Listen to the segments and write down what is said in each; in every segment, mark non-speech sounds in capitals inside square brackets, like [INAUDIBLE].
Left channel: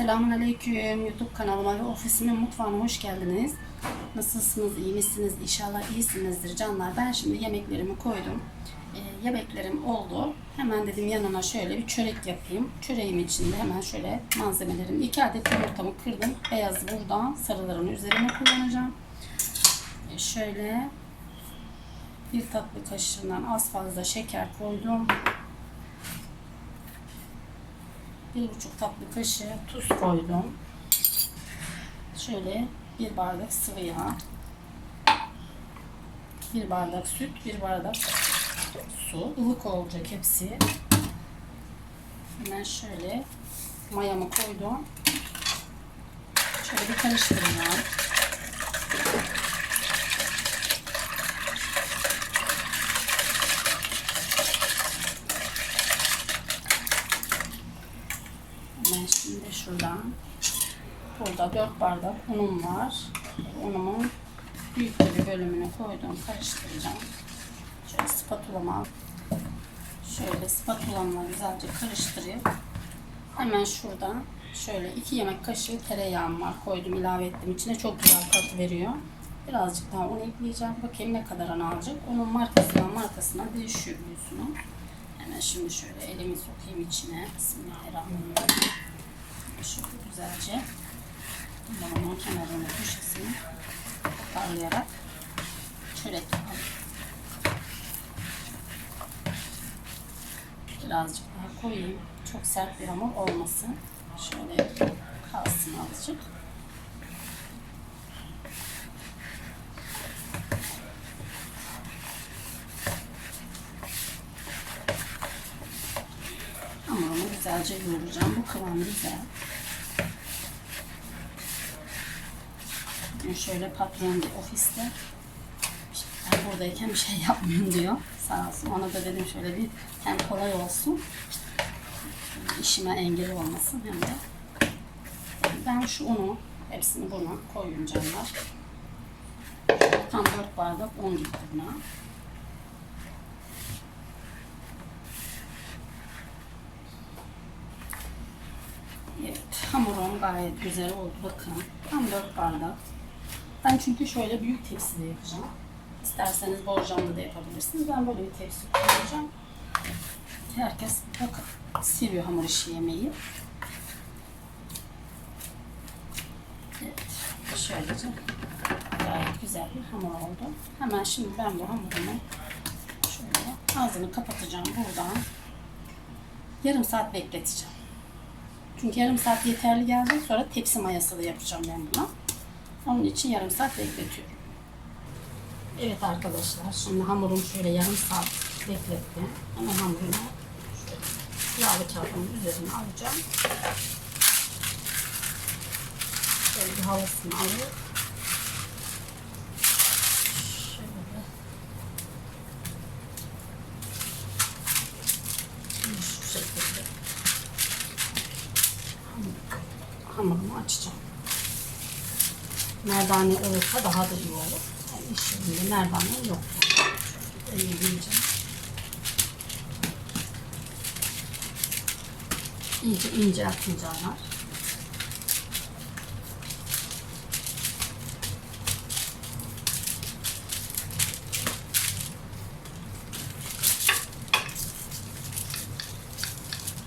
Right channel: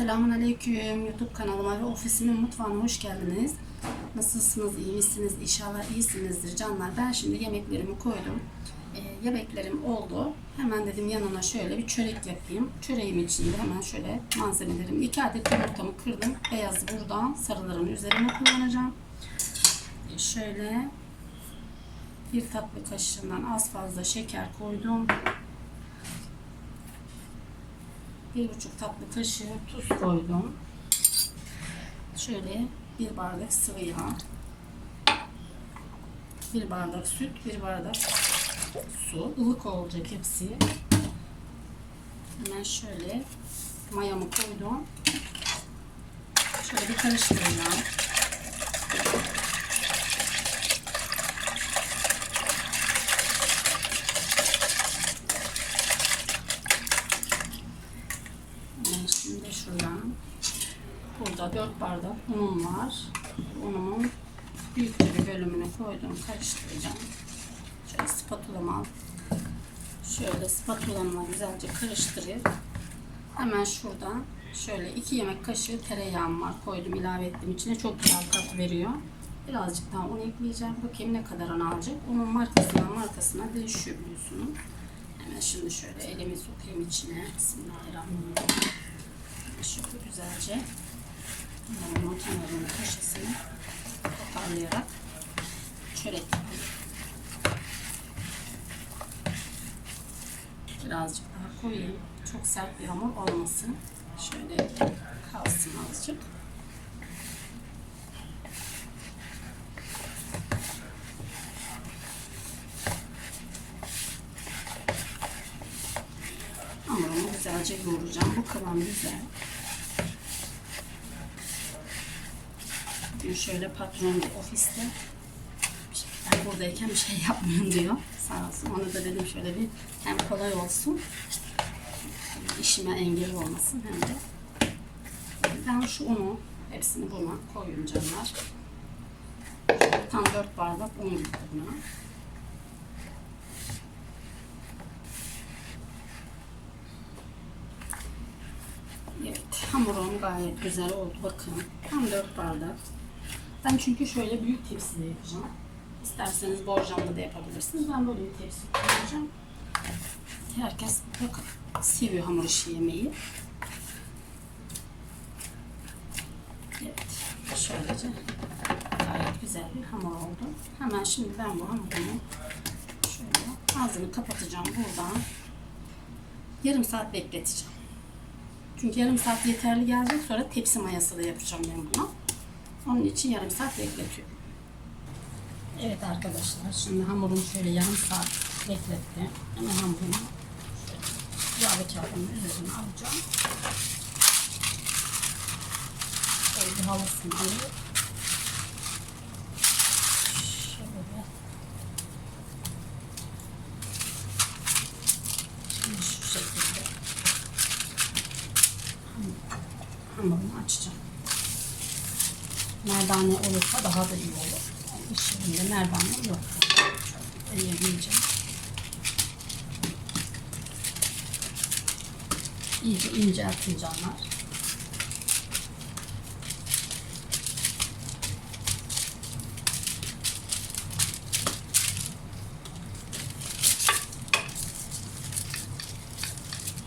Selamun Aleyküm YouTube kanalıma ve ofisimin mutfağına hoş geldiniz. Nasılsınız, iyi misiniz? İnşallah iyisinizdir canlar. Ben şimdi yemeklerimi koydum. Ee, yemeklerim oldu. Hemen dedim yanına şöyle bir çörek yapayım. Çöreğim içinde hemen şöyle malzemelerim. 2 adet yumurtamı kırdım. Beyazı buradan sarıların üzerine kullanacağım. Ee, şöyle bir tatlı kaşığından az fazla şeker koydum. Bir buçuk tatlı kaşığı tuz koydum. Şöyle bir bardak sıvı yağ, bir bardak süt, bir bardak su. ılık olacak hepsi. Hemen şöyle mayamı koydum. Şöyle bir karıştıracağım. Ben şimdi şuradan burada 4 bardak unum var. Unumun büyükçe bir bölümünü koydum. Karıştıracağım. Şöyle spatulama. Şöyle spatulamla güzelce karıştırıp hemen şuradan şöyle 2 yemek kaşığı tereyağım var. Koydum ilave ettim. içine çok güzel tat veriyor. Birazcık daha un ekleyeceğim. Bakayım ne kadar an alacak. Onun markasından markasına değişiyor biliyorsunuz. Hemen şimdi şöyle elimi sokayım içine. Bismillahirrahmanirrahim. Şöyle güzelce limon kenarını köşesini parlayarak çörek. Birazcık daha koyayım. Çok sert bir hamur olmasın. Şöyle kalsın azıcık. Hamurumu güzelce yoğuracağım. Bu kıvam güzel. Şöyle patron ofiste ben buradayken bir şey [LAUGHS] yapmıyorum diyor. Sağ olsun. Ona da dedim şöyle bir hem kolay olsun işime engel olmasın hem de ben şu unu hepsini buna koyuyorum canlar. Tam 4 bardak un gitti buna. Evet, hamurum gayet güzel oldu. Bakın, tam 4 bardak. Ben çünkü şöyle büyük tepside yapacağım. İsterseniz borcamda da yapabilirsiniz. Ben böyle bir tepsi kullanacağım. Herkes bakın seviyor hamur işi yemeği. Evet, şöylece gayet güzel bir hamur oldu. Hemen şimdi ben bu hamurumu şöyle ağzını kapatacağım buradan. Yarım saat bekleteceğim. Çünkü yarım saat yeterli gelecek. Sonra tepsi mayası da yapacağım ben buna. Onun için yarım saat bekletiyorum. Evet arkadaşlar. Şimdi hamurum şöyle yarım saat bekletti. Hemen hamurumu yağlı kağıdımın üzerine alacağım. Şöyle bir havasını alıp şöyle şimdi şu şekilde hamurumu açacağım. Merdane olursa daha da iyi olur. Yani yerinde merdane yok. Ellemeyeceğim. İyice inceltin canlar.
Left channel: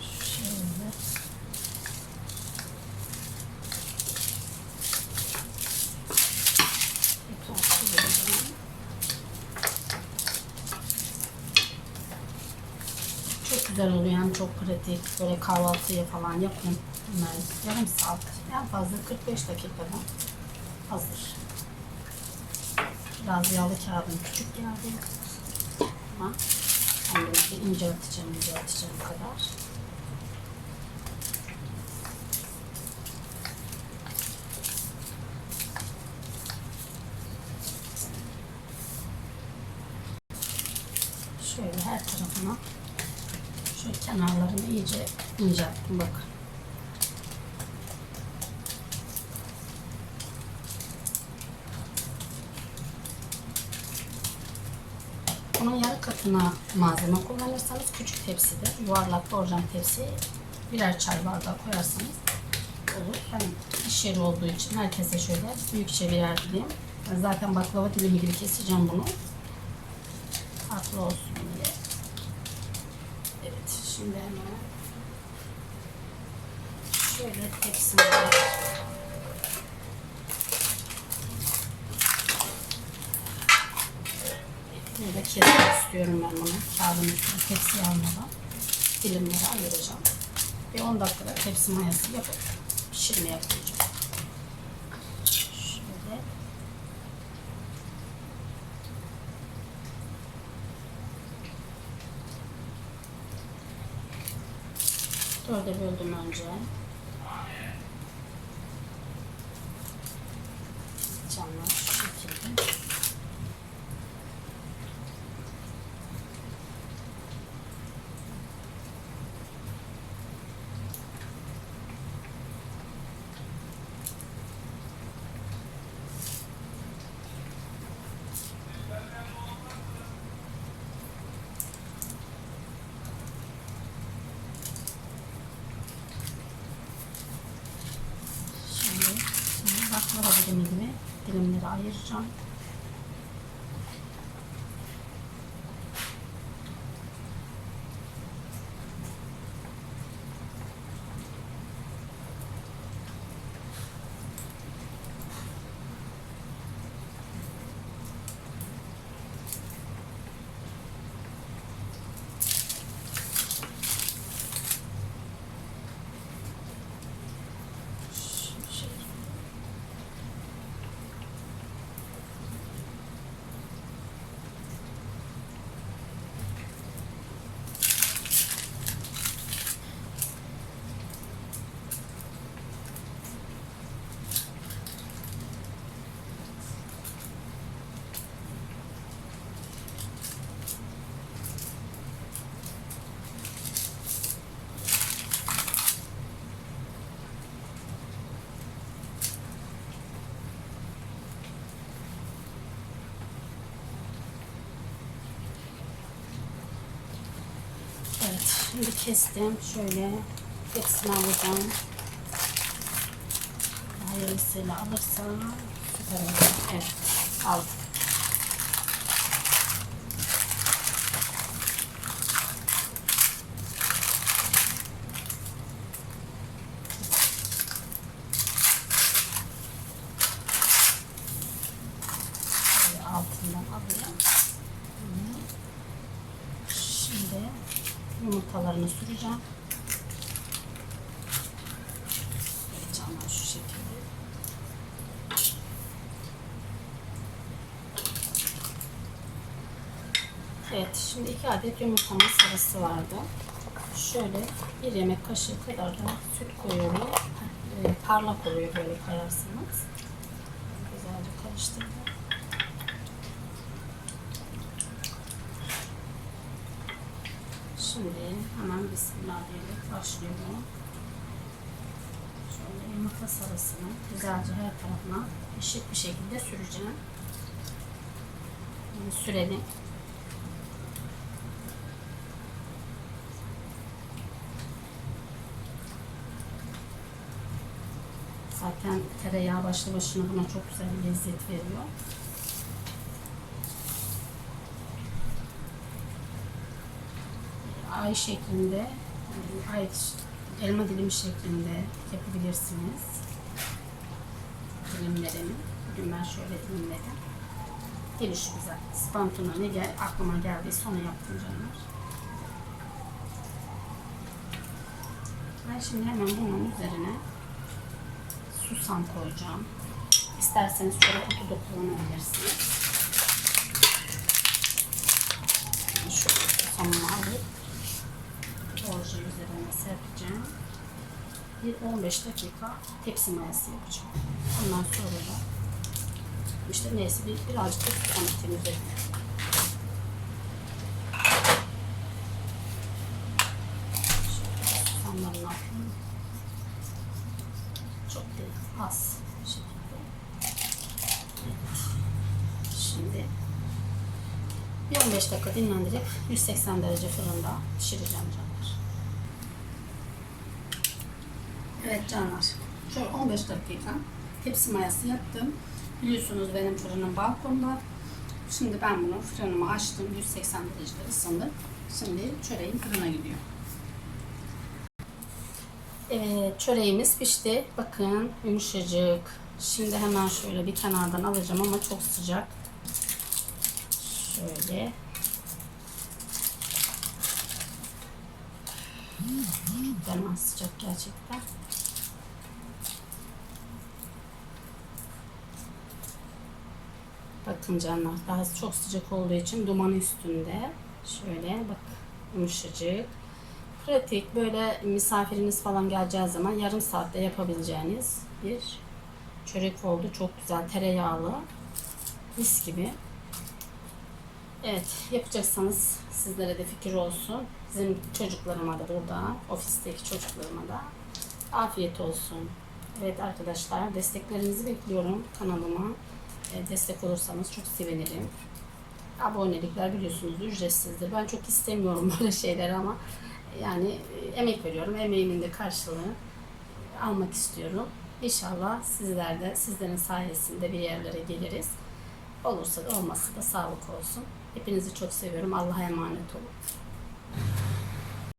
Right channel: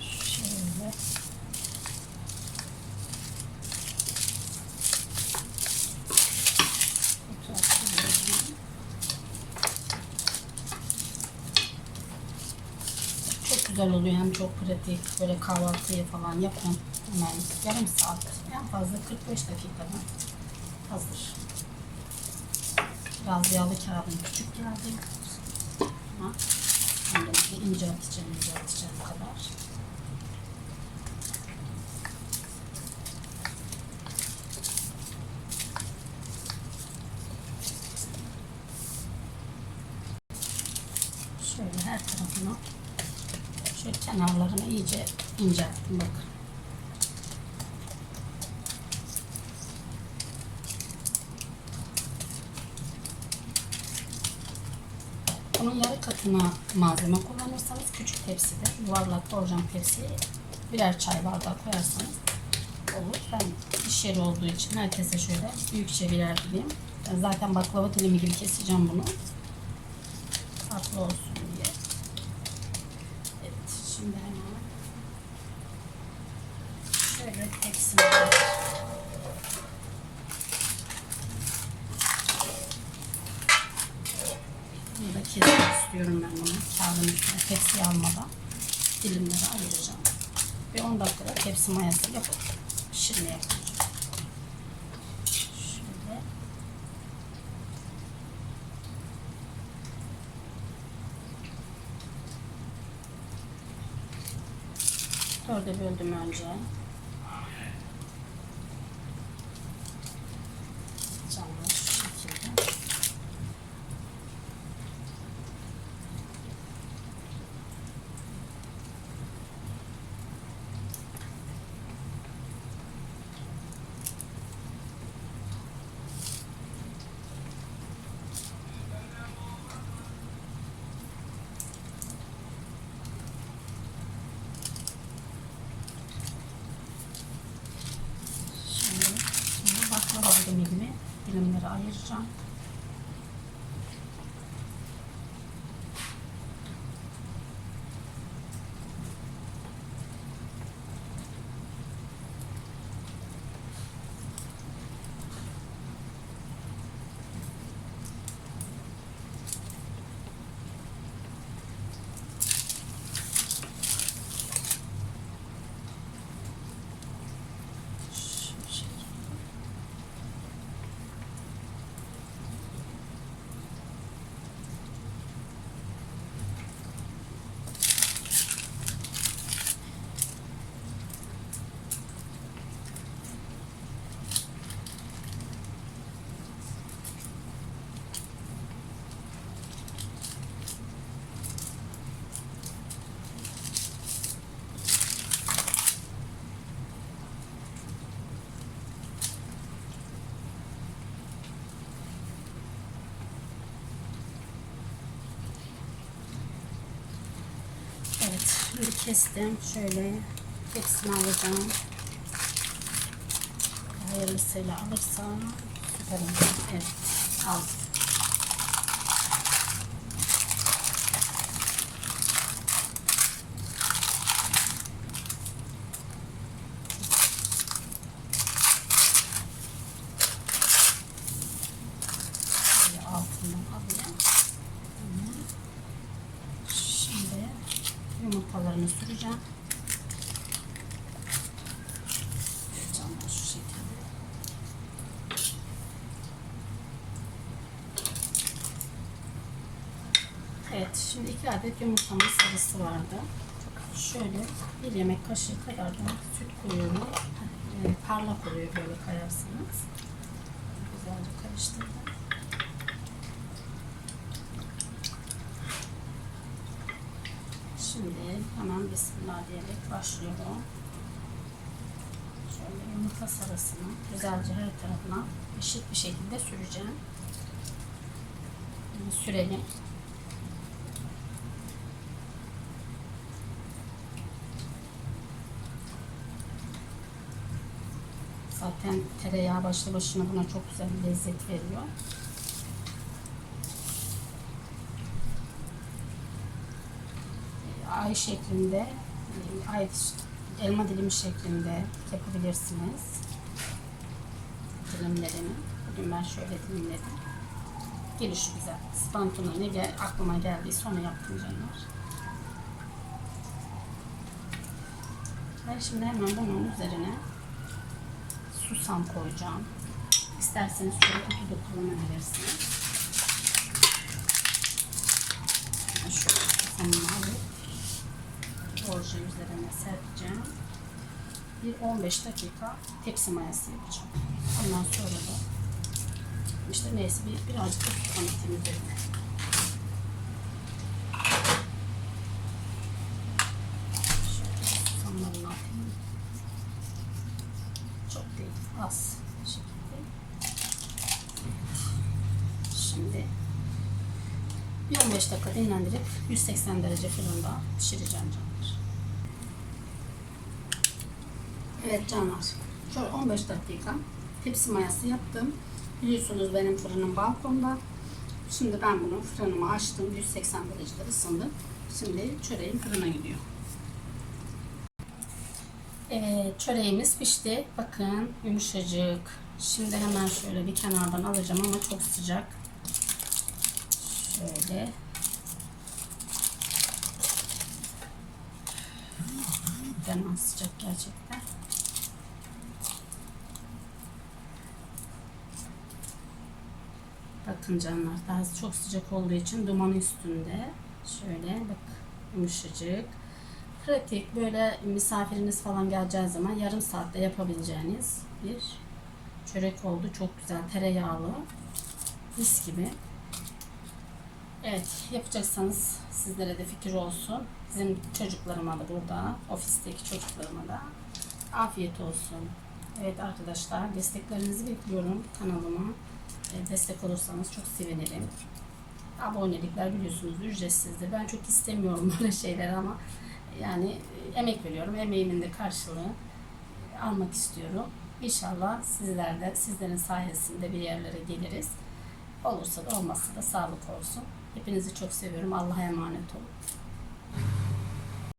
Şöyle. Çok güzel oluyor pratik böyle kahvaltıya falan yapın hemen yarım saat en fazla 45 dakikada hazır. Biraz yağlı kağıdım küçük geldi ama bir ince atacağım ince atacağım kadar. Şöyle her tarafına şu kenarlarını iyice incelttim bakın. Bunun yarı katına malzeme kullanırsanız küçük tepside yuvarlak borcam tepsiye birer çay bardağı koyarsanız olur. iş yeri olduğu için herkese şöyle büyükçe birer dilim. Ben zaten baklava dilimi gibi keseceğim bunu. Farklı olsun diye. Evet şimdi hemen şöyle tepsime Burada kesmek istiyorum ben bunu. Kağıdın üstüne tepsiye almadan dilimleri ayıracağım. Bir 10 dakikada tepsi mayası yapıp pişirmeye koyacağım. Şöyle. Dörde böldüm önce. Camlar şu şekilde. Şimdi, şimdi baklava dilimi gibi dilimleri ayıracağım. Şu şekilde. Evet, şimdi kestim. Şöyle hepsini alacağım. Hayırlısıyla alırsam süper olur. Evet, aldım. Şöyle altından alayım. Şimdi yumurtalarını süreceğim. Tamam şu şekilde. Evet şimdi iki adet yumurtamın sarısı vardı. Şöyle bir yemek kaşığı kadar da süt koyuyorum. Parlak oluyor böyle koyarsınız. Güzelce karıştırdım. Şimdi hemen Bismillah diyerek başlıyorum. Şöyle yumurta sarısını güzelce her tarafına eşit bir şekilde süreceğim. Şimdi sürelim. Zaten tereyağı başlı başına buna çok güzel bir lezzet veriyor. Ay şeklinde, ay elma dilimi şeklinde yapabilirsiniz. Dilimlerini. Bugün ben şöyle dilimledim. Gelişi güzel. Spantuna ne gel, aklıma geldiyse onu yaptım canlar. Ben şimdi hemen bunun üzerine susam koyacağım. İsterseniz şöyle kutu da kullanabilirsiniz. Şu susamını alıp borca üzerine serpeceğim. Bir 15 dakika tepsi mayası yapacağım. Ondan sonra da işte neyse bir, birazcık da susamlarını atayım. Çok değil, az. Şimdi bir 15 dakika dinlendirip 180 derece fırında pişireceğim canlar. Evet canlar. Şöyle 15 dakika tepsi mayası yaptım. Biliyorsunuz benim fırınım balkonda. Şimdi ben bunu fırınımı açtım. 180 derecede ısındı. Şimdi çöreğim fırına gidiyor. Evet çöreğimiz pişti. Bakın yumuşacık. Şimdi hemen şöyle bir kenardan alacağım ama çok sıcak. Şöyle. Fena sıcak gerçekten. Bakın canlar daha çok sıcak olduğu için duman üstünde. Şöyle bak yumuşacık. Pratik böyle misafiriniz falan geleceği zaman yarım saatte yapabileceğiniz bir çörek oldu. Çok güzel tereyağlı. Mis gibi. Evet yapacaksanız sizlere de fikir olsun. Bizim çocuklarıma da burada, ofisteki çocuklarıma da afiyet olsun. Evet arkadaşlar desteklerinizi bekliyorum kanalıma. E, destek olursanız çok sevinirim. Abonelikler biliyorsunuz ücretsizdir. Ben çok istemiyorum [LAUGHS] böyle şeyler ama yani e, emek veriyorum. Emeğimin de karşılığını almak istiyorum. İnşallah sizler de sizlerin sayesinde bir yerlere geliriz. Olursa da olmazsa da sağlık olsun. Hepinizi çok seviyorum. Allah'a emanet olun.